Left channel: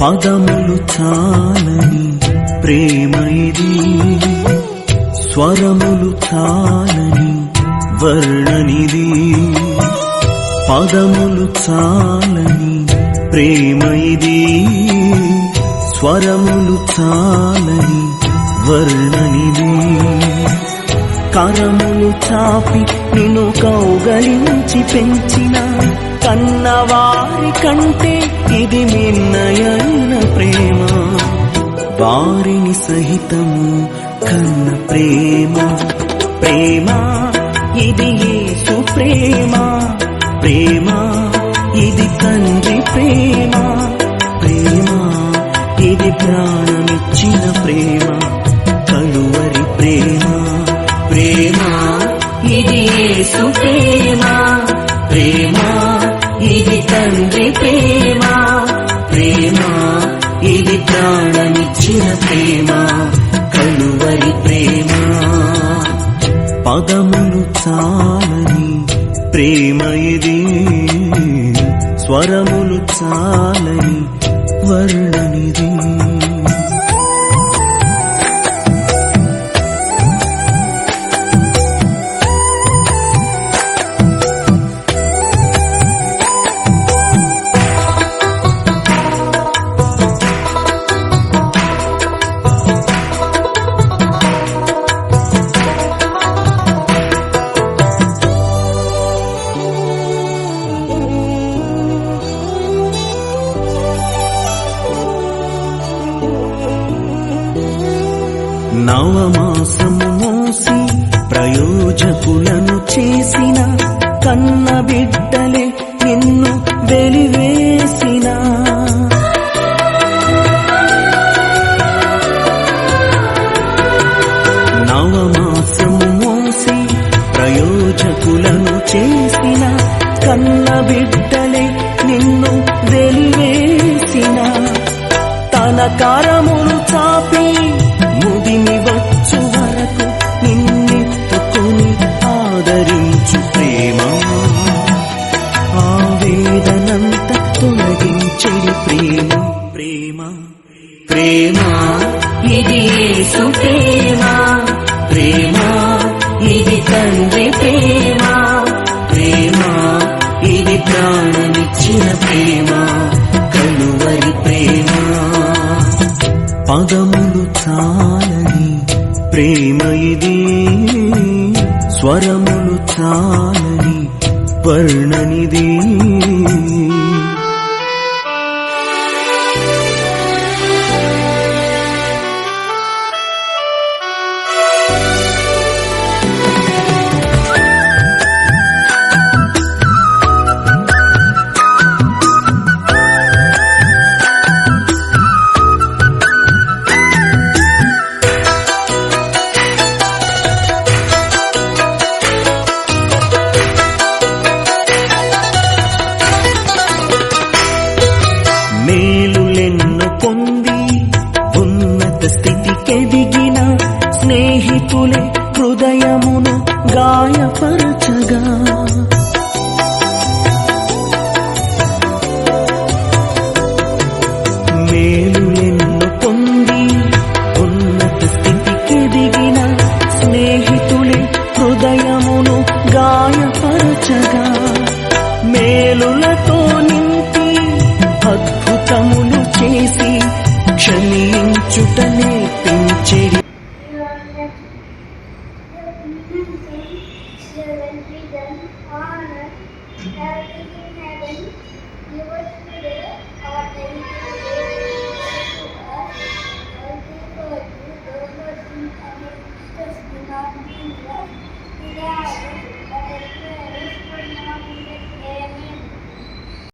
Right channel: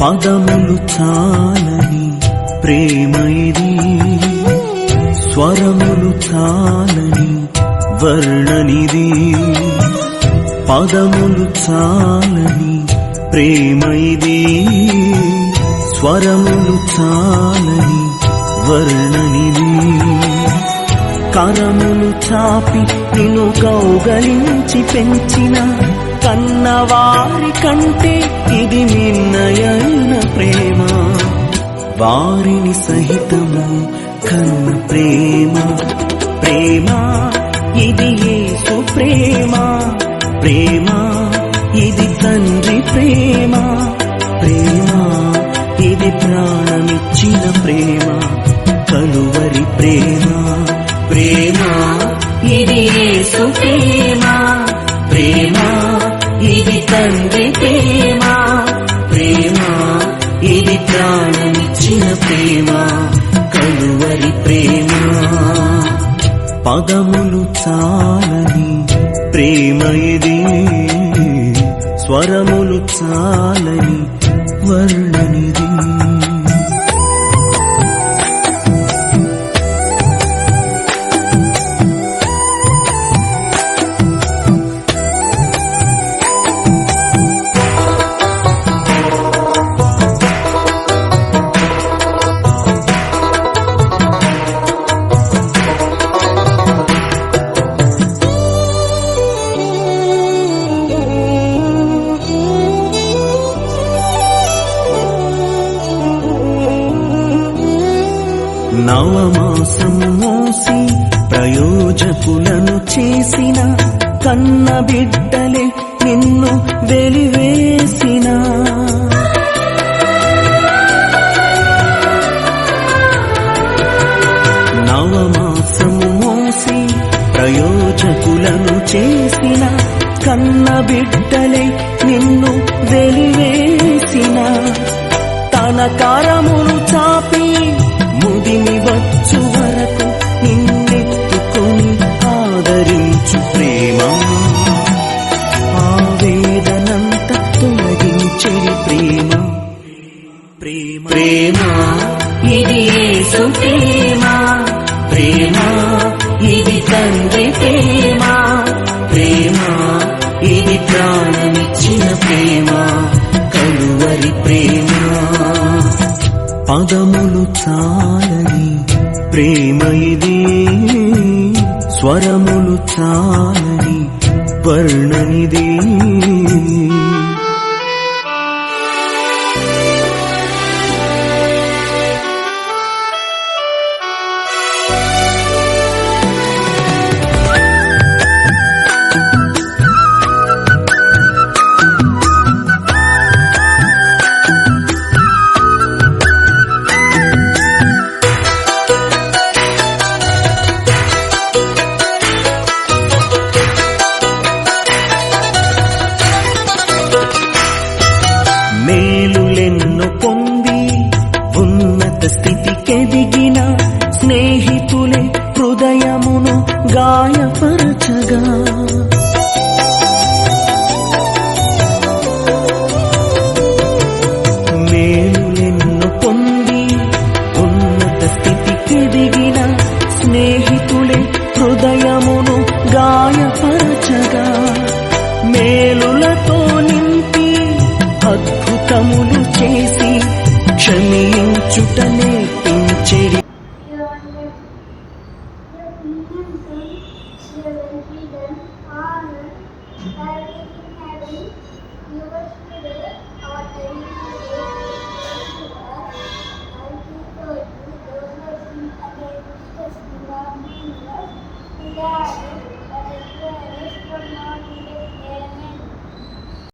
పదములు చాలని ప్రేమ ఇది, స్వరములు చాలని వర్ణనిది. పదములు చాలని ప్రేమ ఇది, స్వరములు చాలని వర్ణనిది. కరములు చాపి నిన్ను కౌగలించి పెంచిన కన్నవారి కంటే ఇది మిన్నయైన ప్రేమ. వారిని సహితము కన్న ప్రేమ. ప్రేమ ఇది యేసు ప్రేమ. ప్రేమ ఇది తండ్రి ప్రేమ. ప్రేమ ఇది ప్రాణమిచ్చిన ప్రేమ, కలువరి ప్రేమ. ప్రేమ ఇది యేసు ప్రేమ. ప్రేమ ఇది తండ్రి ప్రేమ. ప్రేమ ఇది ప్రాణమిచ్చిన ప్రేమ, కలువరి ప్రేమ. పదములు చాలని ప్రేమ ఇది, స్వరములు చాలని వర్ణనిది. నవమాసము మోసి ప్రయోజకులను చేసిన కన్న బిడ్డలే నిన్ను వెలివేసిన. నవమాసము మోసి ప్రయోజకులను చేసిన కన్న బిడ్డలే నిన్ను వెలివేసిన. తన కరములు చాపి ముదిమి వచ్చు వరకు నిన్నెత్తుకొని ఆదరించు ప్రేమ. ఆవేదనంత తొలగించెడి ప్రేమ. ప్రేమ ప్రేమ ప్రేమ ఇది యేసు ప్రేమ. ప్రేమ ఇది తండ్రి ప్రేమ. ప్రేమ ఇది ప్రాణమిచ్చిన ప్రేమ, కలువరి ప్రేమ. పదములు చాలని ప్రేమ ఇది, స్వరములు చాలని వర్ణనిది. మేలులెన్నో పొంది ఉన్నత స్థితికెదిగిన స్నేహితులే హృదయమును గాయపరచగా. మేలులెన్నో పొంది ఉన్నత స్థితికెదిగిన స్నేహితులే హృదయమును గాయపరచగా. మేలులతో నింపి అద్భుతములు చేసి క్షమించుట నేర్పించెడి. Yeah.